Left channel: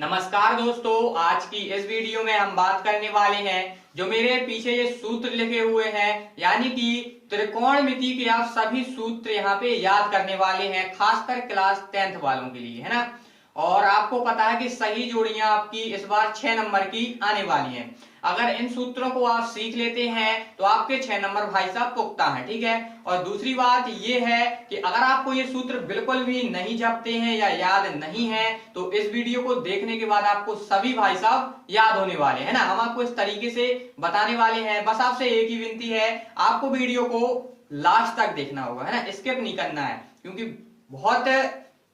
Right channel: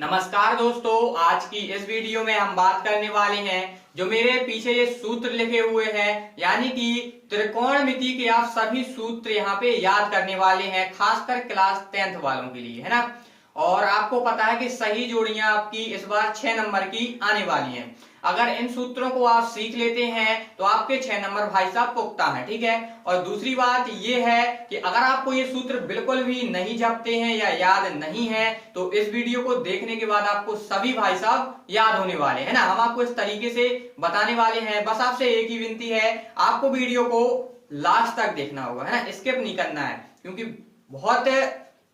नमस्कार दोस्तों, आज की इस वीडियो में हम बात करने वाले हैं जो मेरे पीछे ये सूत्र लिखे हुए हैं, यानी कि त्रिकोणमिति के आप सभी सूत्र यहाँ पे याद करने वाले हैं, खासकर क्लास 10th वालों के लिए, है ना। और आपको पता है कि सही जोड़ियां आपकी इस बार 6 नंबर की आने वाली हैं। अगर इन सूत्रों को आप सीख लेते हैं तो आपके 6 नंबर भाई साहब पुख्ता है, ठीक है। और दूसरी बात ये है कि अगर आपको ये सूत्र बिल्कुल भी नहीं जपते हैं या याद नहीं है तो इस वीडियो को देखने के बाद आपको सभी भाई साहब याद होने वाले हैं ना। हम आपको इस तरीके से बताने वाले हैं। बस आपसे एक ही विनती है, आपको वीडियो को लास्ट तक देखना होगा, है ना, स्किप नहीं करना है, क्योंकि बहुत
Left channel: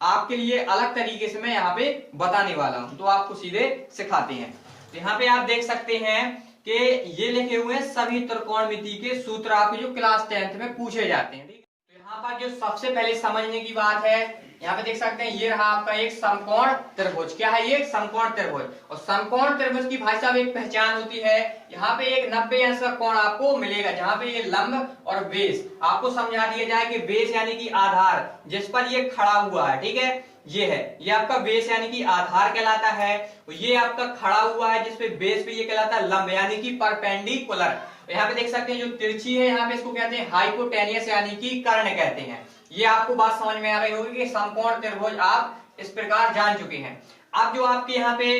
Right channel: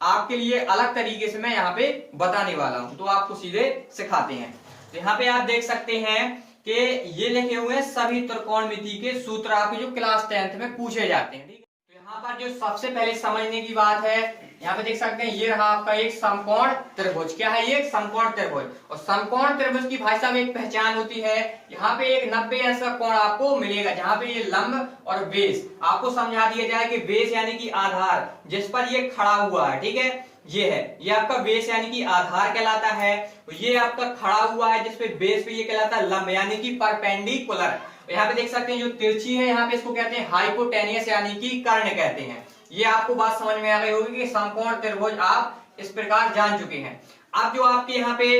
आपके लिए अलग तरीके से मैं यहाँ पे बताने वाला हूं, तो आपको सीधे सिखाते हैं। तो यहाँ पे आप देख सकते हैं कि ये लिखे हुए हैं सभी त्रिकोणमिति के सूत्र आपके जो क्लास 10th में पूछे जाते हैं, ठीक है। तो यहाँ पर जो सबसे पहले समझने की बात है, यहाँ पे देख सकते हैं ये रहा आपका एक समकोण त्रिभुज। क्या है ये? एक समकोण त्रिभुज। और समकोण त्रिभुज की भाई साहब एक पहचान होती है, यहाँ पे एक 90 अंश का कोण आपको मिलेगा, जहाँ पे ये लंब और बेस आपको समझा दिया जाए कि बेस यानी कि आधार जिस पर ये खड़ा हुआ है, ठीक है, ये है, ये आपका बेस यानी कि आधार कहलाता है। ये आपका खड़ा हुआ है जिसपे बेस पे ये कहलाता है लंब यानी कि परपेंडिकुलर। यहाँ पे देख सकते हैं जो तिरछी है यहाँ पे इसको कहते हैं हाइपोटेनियस यानी कि कर्ण कहते हैं। ये आपको बात समझ में आ गई होगी कि समकोण त्रिभुज आप इस प्रकार जान चुके हैं। अब जो आपके यहाँ पे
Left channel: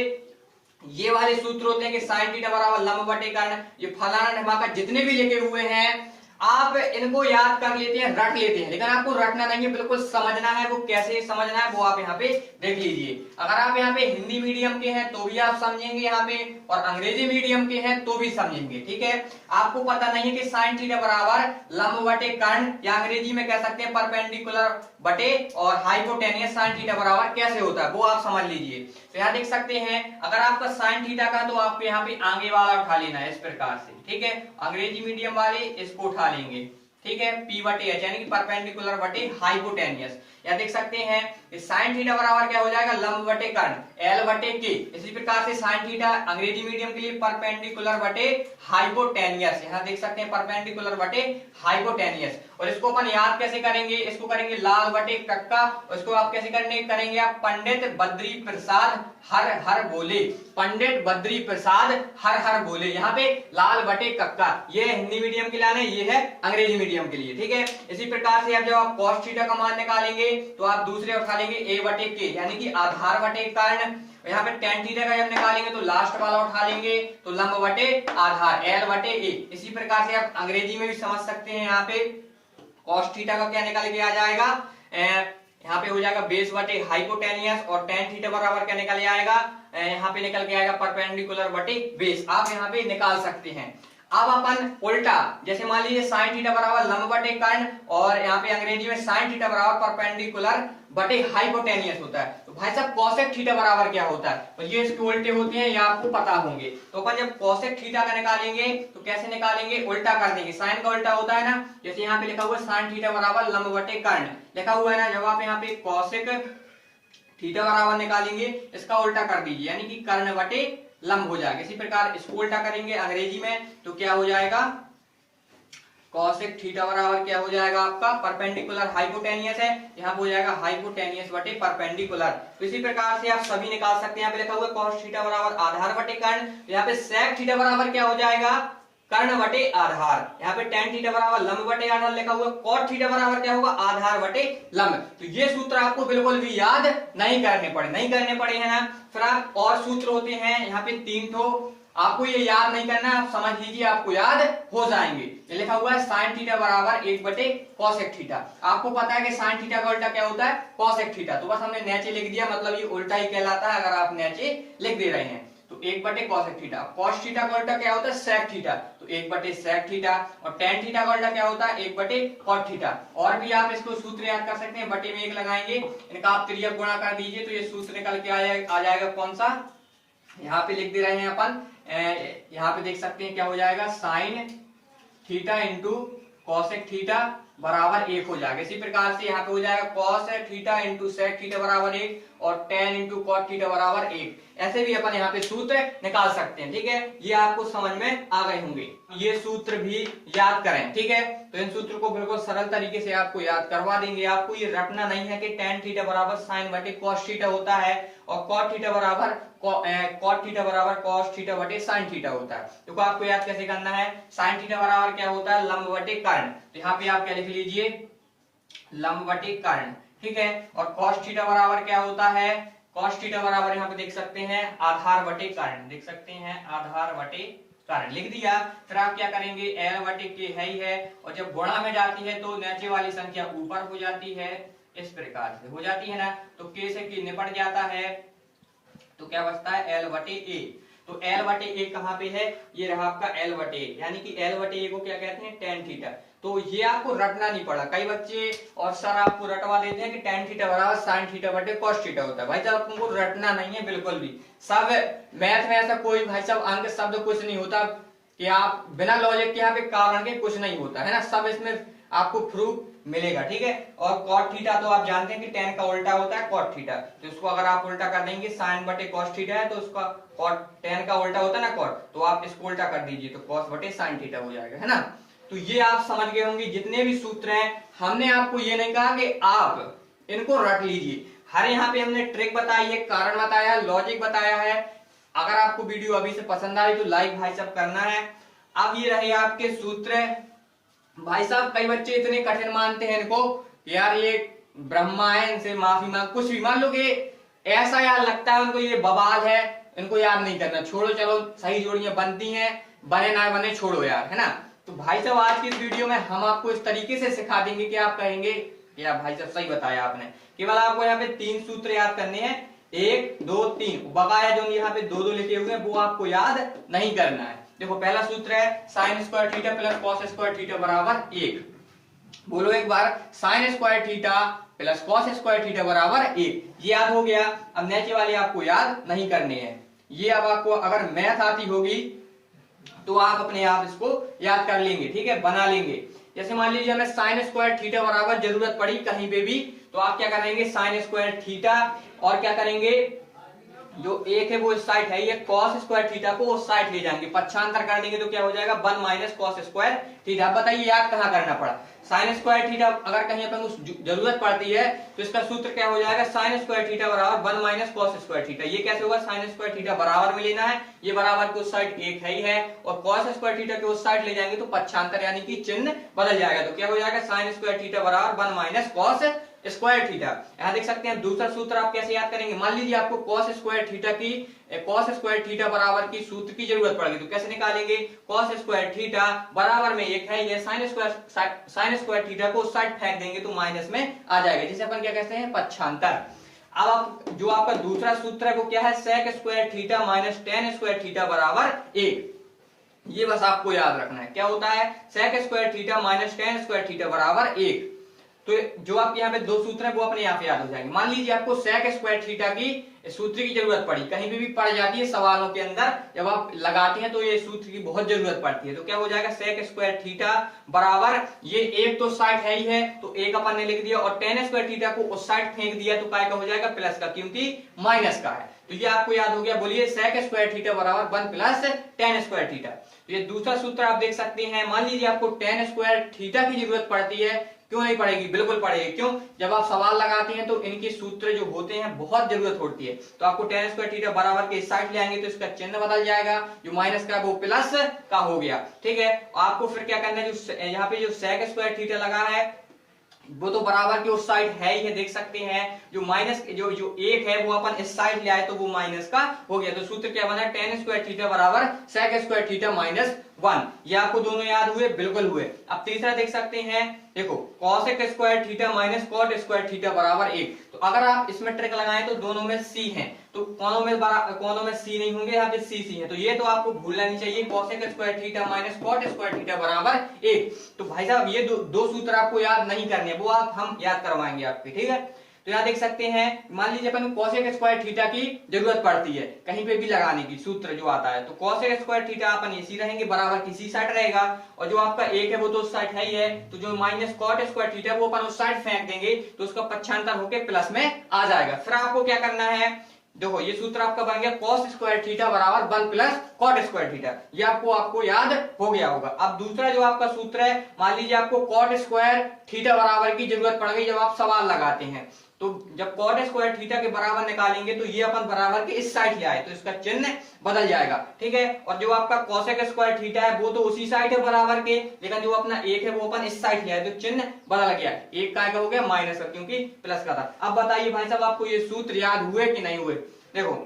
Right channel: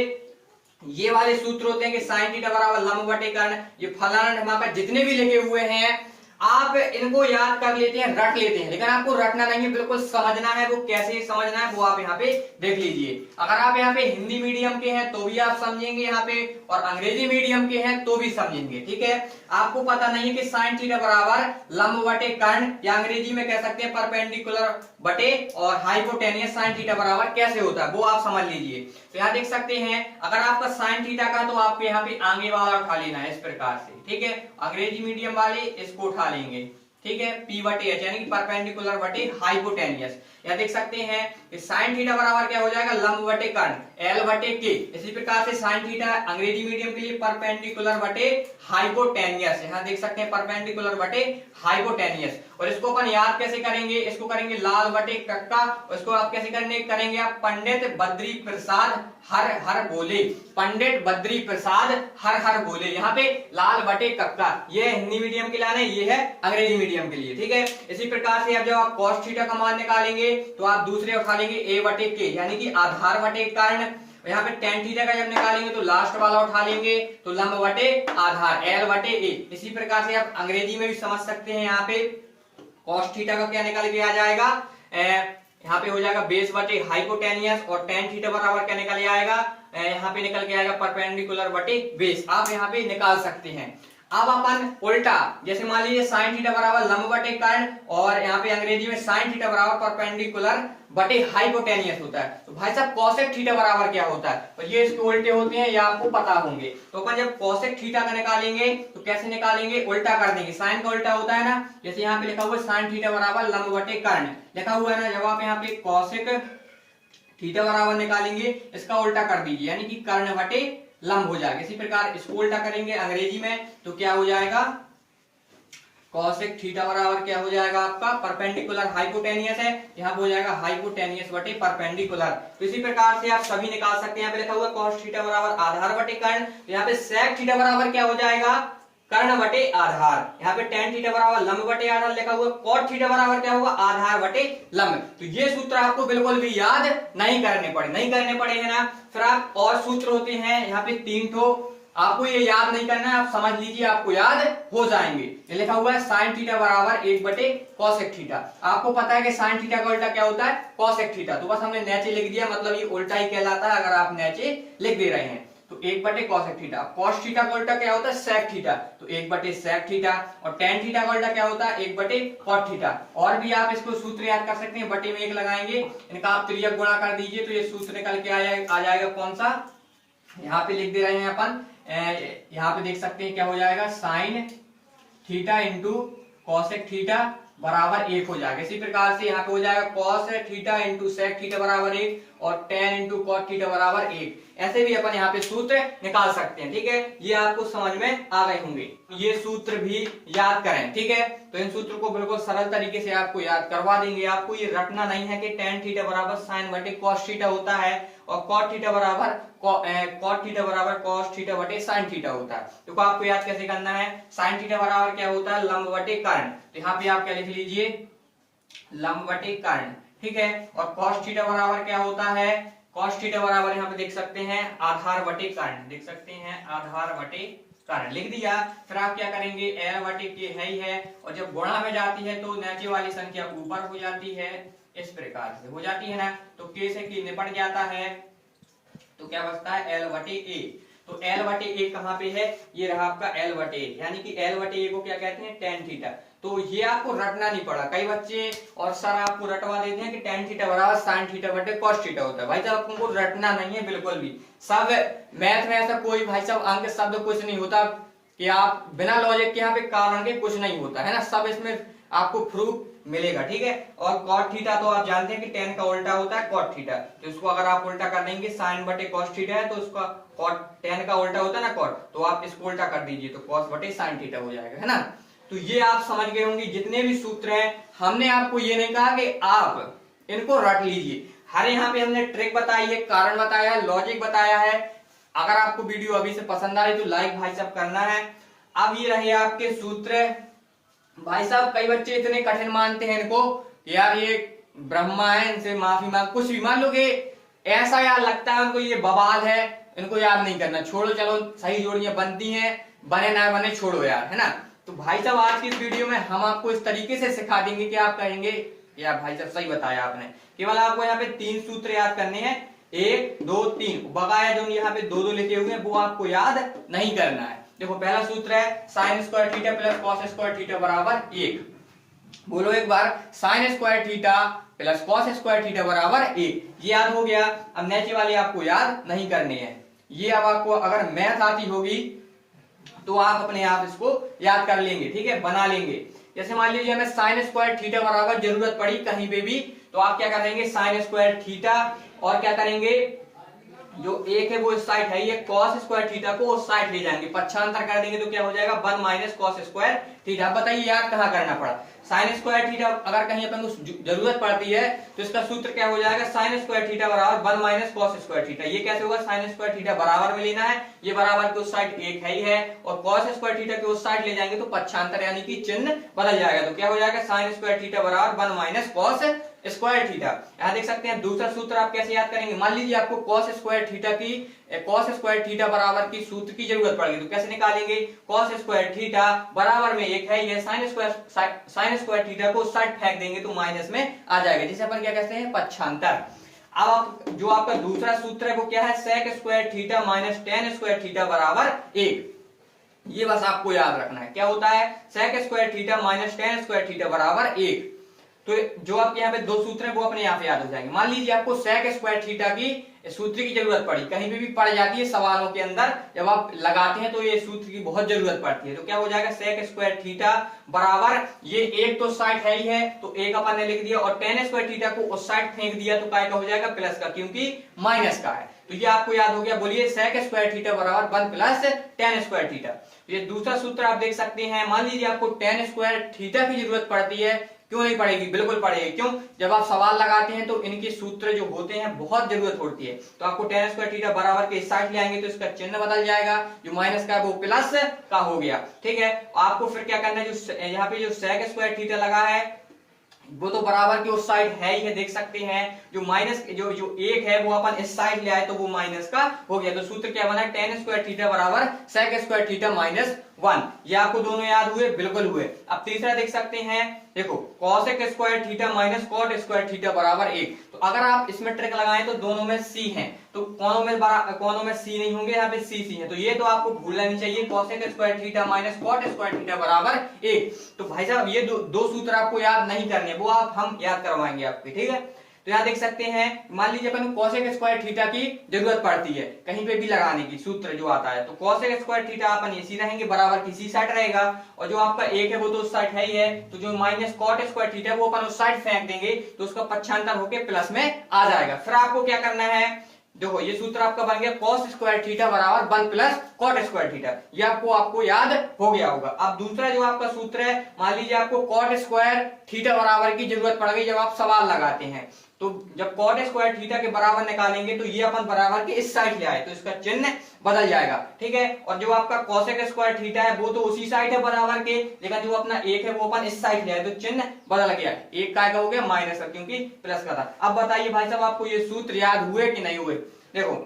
ये वाले सूत्र होते हैं कि साइन थीटा बराबर लंब बटे कर्ण, ये फलाना ढमाका जितने भी लिखे हुए हैं आप इनको याद कर लेते हैं, रट लेते हैं, लेकिन आपको रटना नहीं है, बिल्कुल समझना है। वो कैसे समझना है वो आप यहाँ पे देख लीजिए। अगर आप यहाँ पे हिंदी मीडियम के हैं तो भी आप समझेंगे यहाँ पे, और अंग्रेजी मीडियम के हैं तो भी समझेंगे, ठीक है। आपको पता नहीं है कि साइन थीटा बराबर लंब बटे कर्ण, या अंग्रेजी में कह सकते हैं परपेंडिकुलर बटे और हाइपोटेनियस साइन थीटा बराबर कैसे होता है वो आप समझ लीजिए। तो यहाँ देख सकते हैं अगर आपका साइन थीटा का तो आपको यहाँ पे आगे वाला उठा लेना है इस प्रकार से, ठीक है। अंग्रेजी मीडियम वाले इसको उठा लेंगे, ठीक है, P बटे एच यानी कि परपेंडिकुलर बटे हाइपोटेनियस। या देख सकते हैं कि साइन थीटा बराबर क्या हो जाएगा? लंब बटे कर्ण L बटे K। इसी प्रकार से साइन थीटा अंग्रेजी मीडियम के लिए परपेंडिकुलर बटे हाइपोटेनियस, यहाँ देख सकते हैं परपेंडिकुलर बटे हाइपोटेनियस। और इसको अपन याद कैसे करेंगे? इसको करेंगे लाल बटे कक्का, और इसको आप कैसे करेंगे आप पंडित बद्री प्रसाद हर हर बोले, पंडित बद्री प्रसाद हर हर बोले। यहाँ पे लाल बटे कक्का ये हिंदी मीडियम के लिए, ये है अंग्रेजी मीडियम के लिए, ठीक है। इसी प्रकार से अब जब आप cos थीटा का मान निकालेंगे तो आप दूसरे उठा लेंगे a बटे k यानी कि आधार बटे कर्ण। यहाँ पे tan थीटा का जब निकालेंगे तो लास्ट वाला उठा लेंगे तो लंब बटे आधार L बटे a। इसी प्रकार से आप अंग्रेजी में भी समझ सकते हैं, यहाँ पे cos थीटा का क्या निकल के आ जाएगा, यहाँ पे हो जाएगा बेस बटे हाइपोटेनियस, और tan थीटा बराबर क्या निकल आएगा, यहाँ पे निकल के आएगा परपेंडिकुलर बटे बेस। आप यहाँ पे निकाल सकते हैं। अब अपन उल्टा, जैसे मान लीजिए साइन थीटा बराबर लंब बटे कर्ण, और यहाँ पे अंग्रेजी में साइन थीटा बराबर परपेंडिकुलर बटे हाइपोटेनियस होता है, तो भाई साहब कोसेक थीटा बराबर क्या होता है? तो ये इसके उल्टे होते हैं, ये आपको पता होंगे। तो अपन जब कोसेक थीटा का निकालेंगे तो कैसे निकालेंगे? उल्टा कर देंगे, साइन का उल्टा होता है ना। जैसे यहाँ पे लिखा हुआ साइन थीटा बराबर लंब बटे कर्ण लिखा हुआ है ना, जब आप यहाँ पे कोसेक थीटा बराबर निकालेंगे इसका उल्टा कर दीजिए, यानी कि कर्ण बटे लंब हो जाएगा। इसी प्रकार इसको उल्टा करेंगे अंग्रेजी में तो क्या हो जाएगा? कोसेक थीटा बराबर क्या हो जाएगा आपका? परपेंडिकुलर हाइपोटेनियस है, यहाँ पे हो जाएगा हाइपोटेनियस बटे परपेंडिकुलर। तो इसी प्रकार से आप सभी निकाल सकते हैं। यहाँ पे लिखा हुआ cos थीटा बराबर आधार बटे कर्ण, यहाँ पे sec थीटा बराबर क्या हो जाएगा? कर्ण बटे आधार। यहाँ पे tan थीटा बराबर लंब बटे आधार लिखा हुआ, cot थीटा बराबर क्या होगा? आधार बटे लंब। तो ये सूत्र आपको बिल्कुल भी याद नहीं करने पड़े है ना। फिर आप और सूत्र होते हैं यहाँ पे 3 ठो, आपको ये याद नहीं करना है, आप समझ लीजिए आपको याद हो जाएंगे। ये लिखा हुआ है साइन थीटा बराबर 1 बटे कोसेक थीटा। आपको पता है कि साइन थीटा का उल्टा क्या होता है? Cosec theta. तो बस हमने नीचे लिख दिया, मतलब ये उल्टा ही कहलाता है अगर आप नीचे लिख दे रहे हैं तो 1 बटे कोसेक थीटा। cos थीटा का उल्टा क्या होता है? सेक थीटा, तो 1 बटे सेक थीटा। और tan थीटा का उल्टा क्या होता है? 1 बटे cot थीटा। और भी आप इसको सूत्र याद कर सकते हैं, बटे में 1 लगाएंगे, इनका आप त्रियक गुणा कर दीजिए तो ये सूत्र निकल के आ जाएगा कौन सा? यहाँ पे लिख दे रहे हैं अपन, यहाँ पे देख सकते हैं क्या हो जाएगा? Sine theta into cosec theta बराबर 1 हो जाएगा। इसी प्रकार से यहाँ पे हो जाएगा cos theta into sec theta बराबर 1, और tan इंटू cot थीटा बराबर 1। ऐसे भी अपन यहाँ पे सूत्र निकाल सकते हैं, ठीक है। ये आपको समझ में आ गए होंगे, ये सूत्र भी याद करें, ठीक है। तो इन सूत्र को बिल्कुल सरल तरीके से आपको याद करवा देंगे। आपको ये रटना नहीं है कि tan थीटा बराबर साइन बटे cos थीटा होता है, और कॉट थीटा बराबर कॉस थीटा बटे साइन थीटा होता है। देखो आपको याद कैसे करना है, साइन थीटा बराबर क्या होता है, लंब बटे कर्ण। तो यहाँ पे आप क्या लिख लीजिए, लंब बटे कर्ण, ठीक है। और कॉस थीटा बराबर क्या होता है, कॉस थीटा बराबर यहाँ पे देख सकते हैं आधार बटे कर्ण, देख सकते हैं आधार बटे कर्ण, लिख दिया। फिर आप क्या करेंगे, एल बटे के है ही है, और जब गुणा में जाती है तो नीचे वाली संख्या ऊपर हो जाती है, इस प्रकार से हो जाती है ना। तो के से के निपट जाता है, तो क्या बचता है एल बटे ए। तो एल बटे ए कहाँ पे है, ये रहा आपका एल बटे ए, यानी कि एल बटे ए को क्या कहते हैं, टेन थीटा। तो ये आपको रटना नहीं पड़ा, कई बच्चे और सर आपको रटवा देते हैं कि टेन थीटा बराबर साइन थीटा बटे कॉस थीटा होता है। भाई साहब तुमको रटना नहीं है बिल्कुल भी। सब मैथ में ऐसा कोई भाई साहब अंक शब्द कुछ नहीं होता कि आप बिना लॉजिक के यहाँ पे कारण के कुछ नहीं होता है ना, सब इसमें आपको प्रूफ मिलेगा, ठीक है। और कॉट थीटा तो आप जानते हैं कि टेन का उल्टा होता है कॉट थीटा, तो उसको अगर आप उल्टा कर देंगे, साइन बटे कॉस थीटा है तो उसका कॉट, टेन का उल्टा होता है ना कॉट, तो आप इसको उल्टा कर दीजिए तो कॉस बटे साइन थीटा हो जाएगा, है ना। तो ये आप समझ गए होंगे, जितने भी सूत्र हैं हमने आपको ये नहीं कहा कि आप इनको रट लीजिए, हर यहाँ पे हमने ट्रिक बताई है, कारण बताया है, लॉजिक बताया है। अगर आपको वीडियो अभी से पसंद आई तो लाइक भाई साहब करना है। अब ये रहे आपके सूत्र। भाई साहब कई बच्चे इतने कठिन मानते हैं इनको, यार ये ब्रह्मा है, इनसे माफी मांग, कुछ भी मान लो कि ऐसा यार लगता है उनको ये बवाल है, इनको याद नहीं करना, छोड़ो, चलो सही जोड़ियां बनती हैं, बने ना बने छोड़ो यार, है ना। तो भाई साहब आज की इस वीडियो में हम आपको इस तरीके से सिखा देंगे कि आप कहेंगे यार भाई साहब सही बताया आपने। केवल आपको यहाँ पे 3 सूत्र याद करने हैं, 1 2 3, बकाया जो यहाँ पे 2 2 लिखे हुए हैं वो आपको याद नहीं करना है। देखो पहला सूत्र है sine square theta plus cos square theta बराबर 1। बोलो एक बार, sine square theta plus cos square theta बराबर 1, ये याद हो गया। अब नीचे वाली आपको याद नहीं करनी है, ये अब आपको अगर मैथ आती होगी तो आप अपने आप इसको याद कर लेंगे, ठीक है, बना लेंगे। जैसे मान लीजिए हमें साइन स्क्वायर थीटा बराबर जरूरत पड़ी कहीं पे भी, तो आप क्या करेंगे, साइन स्क्वायर थीटा और क्या करेंगे, जो एक है वो इस साइड है, ये कॉस स्क्वायर थीटा को उस साइड ले जाएंगे, पक्षांतर कर देंगे तो क्या हो जाएगा 1 माइनस कॉस स्क्वायर थीटा। बताइए याद कहाँ करना पड़ा, साइन स्क्वायर थीटा अगर कहीं अपन को जरूरत पड़ती है तो इसका सूत्र क्या हो जाएगा, साइन स्क्वायर थीटा बराबर 1 माइनस कॉस स्क्वायर थीटा। ये कैसे होगा, साइन स्क्वायर थीटा बराबर में लेना है, ये बराबर के उस साइड एक है ही है, और कॉस स्क्वायर थीटा के उस साइड ले जाएंगे तो पक्षांतर यानी कि चिन्ह बदल जाएगा, तो क्या हो जाएगा साइन स्क्वायर थीटा बराबर 1 माइनस कॉस स्क्वायर थीटा। यहाँ देख सकते हैं दूसरा सूत्र आप कैसे याद करेंगे, मान लीजिए आपको कॉस स्क्वायर थीटा की, कॉस स्क्वायर थीटा बराबर की सूत्र की जरूरत पड़ेगी तो कैसे निकालेंगे, कॉस स्क्वायर थीटा बराबर में एक है ये साइन स्क्वायर थीटा को उस साइड फेंक देंगे तो माइनस में आ जाएगा, जिसे अपन क्या कहते हैं पक्षांतर। अब आप जो आपका दूसरा सूत्र है वो क्या है, sec square theta minus tan square theta बराबर 1। ये बस आपको याद रखना है, क्या होता है, sec square theta minus tan square theta बराबर 1। तो जो आपके यहाँ पे 2 सूत्र हैं वो अपने यहाँ पे याद हो जाएंगे। मान लीजिए आपको सेक स्क्वायर थीटा की सूत्र की जरूरत पड़ी, कहीं भी पड़ जाती है सवालों के अंदर, जब आप लगाते हैं तो ये सूत्र की बहुत जरूरत पड़ती है, तो क्या हो जाएगा, सेक स्क्वायर थीटा बराबर ये एक तो साइड है ही है तो एक अपन ने लिख दिया, और टेन स्क्वायर थीटा को उस साइड फेंक दिया तो काय का हो जाएगा, प्लस का, क्योंकि माइनस का है। तो ये आपको याद हो गया, बोलिए सेक स्क्वायर थीटा बराबर 1 प्लस टेन स्क्वायर थीटा। ये दूसरा सूत्र आप देख सकते हैं, मान लीजिए आपको टेन स्क्वायर थीटा की जरूरत पड़ती है, क्यों नहीं पड़ेगी, बिल्कुल पड़ेगी। क्यों, जब आप सवाल लगाते हैं तो इनके सूत्र जो होते हैं बहुत जरूरत होती है, तो आपको टेन स्क्वायर थीटा बराबर के इस साइड ले आएंगे तो इसका चिन्ह बदल जाएगा, जो माइनस का वो प्लस का हो गया, ठीक है। आपको फिर क्या करना है, जो यहाँ पे जो सेक स्क्वायर थीटा लगा है वो तो बराबर की उस साइड है ही है, देख सकते हैं, जो माइनस जो एक है वो अपन इस साइड ले आए तो वो माइनस का हो गया, तो सूत्र क्या बना, टेन स्क्वायर थीटा बराबर सेक स्क्वायर थीटा माइनस 1। ये आपको दोनों याद हुए, बिल्कुल हुए। अब तीसरा देख सकते हैं, देखो cosec square theta minus cot square theta बराबर 1। तो अगर आप इसमें ट्रिक लगाएं तो दोनों में सी है, तो कोनों में सी नहीं होंगे, यहाँ पे सी है, तो ये तो आपको भूलना नहीं चाहिए, cosec square theta minus cot square theta बराबर 1। तो भाई साहब ये दो सूत्र आपको याद नहीं करने, वो आप हम याद करवाएंगे आपके, ठीक है। तो यहाँ देख सकते हैं, मान लीजिए अपन को कॉसेक स्क्वायर थीटा की जरूरत पड़ती है कहीं पे भी लगाने की, सूत्र जो आता है, तो कॉसेक स्क्वायर थीटा अपन इसी रहेंगे, बराबर किसी साइड रहेगा, और जो आपका एक है वो तो उस साइड है ही है, तो जो माइनस कॉट स्क्वायर थीटा वो अपन उस साइड फेंक देंगे तो उसका पक्षांतर होके प्लस में आ जाएगा। फिर आपको क्या करना है, देखो ये सूत्र आपका बन गया कॉस स्क्वायर थीटा बराबर 1 प्लस कॉट स्क्वायर थीटा, ये आपको याद हो गया होगा। अब दूसरा जो आपका सूत्र है, मान लीजिए आपको कॉट स्क्वायर थीटा बराबर की जरूरत पड़ गई जब आप सवाल लगाते हैं, तो जब कॉट स्क्वायर थीटा के बराबर निकालेंगे तो ये अपन बराबर के इस साइड ले आए तो इसका चिन्ह बदल जाएगा, ठीक है। और जो आपका कोसेक स्क्वायर थीटा है वो तो उसी साइड है बराबर के, लेकिन जो अपना एक है वो अपन इस साइड ले आए तो चिन्ह बदल गया, एक का हो गया माइनस का क्योंकि प्लस का था। अब बताइए भाई साहब आपको ये सूत्र याद हुए कि नहीं हुए। देखो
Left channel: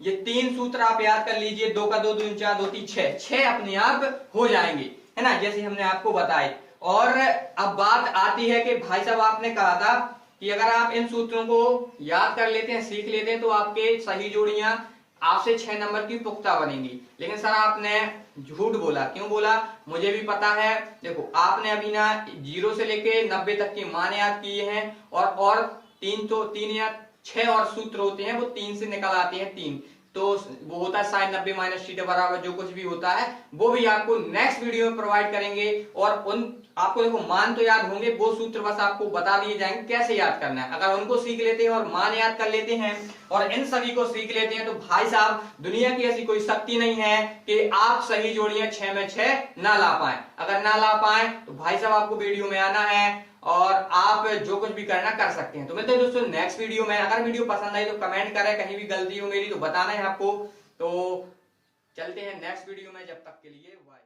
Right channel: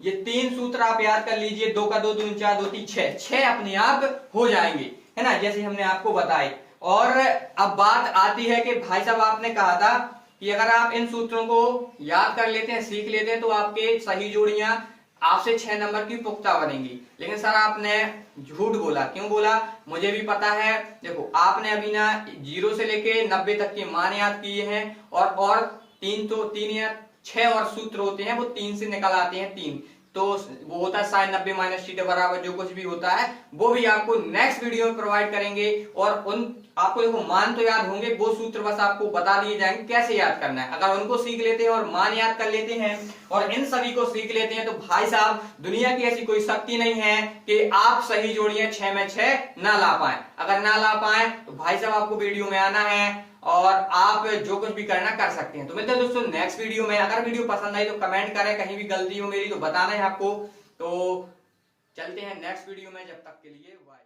ये 3 सूत्र आप याद कर लीजिए, 2 का 2 2 4 2 3 6, 6 अपने आप हो जाएंगे, है ना, जैसे हमने आपको बताए। और अब बात आती है कि भाई साहब आपने कहा था कि अगर आप इन सूत्रों को याद कर लेते हैं, सीख लेते हैं तो आपके सही जोड़ियां आपसे 6 नंबर की पुख्ता बनेंगी। लेकिन सर आपने झूठ बोला, क्यों बोला मुझे भी पता है। देखो आपने अभी ना 0 से लेके 90 तक के मान याद किए हैं और 3 या 6 और सूत्र होते हैं वो 3 से निकल आते हैं, 3 तो वो होता है sin 90 माइनस थीटा बराबर जो कुछ भी होता है वो भी आपको नेक्स्ट वीडियो में प्रोवाइड करेंगे। और उन आपको देखो मान तो याद होंगे, वो सूत्र बस आपको बता दिए जाएंगे कैसे याद करना है। अगर उनको सीख लेते हैं और मान याद कर लेते हैं और इन सभी को सीख लेते हैं तो भाई साहब दुनिया की ऐसी कोई शक्ति नहीं है कि आप सही जोड़ियां 6 में 6 ना ला पाए। अगर ना ला पाए तो भाई साहब आपको वीडियो में आना है और आप जो कुछ भी करना कर सकते हैं। तो मिलते हैं दोस्तों नेक्स्ट वीडियो में। अगर वीडियो पसंद आई तो कमेंट करें, कहीं भी गलती हो मेरी तो बताना है आपको। तो चलते हैं नेक्स्ट वीडियो में, जब तक के लिए बाय।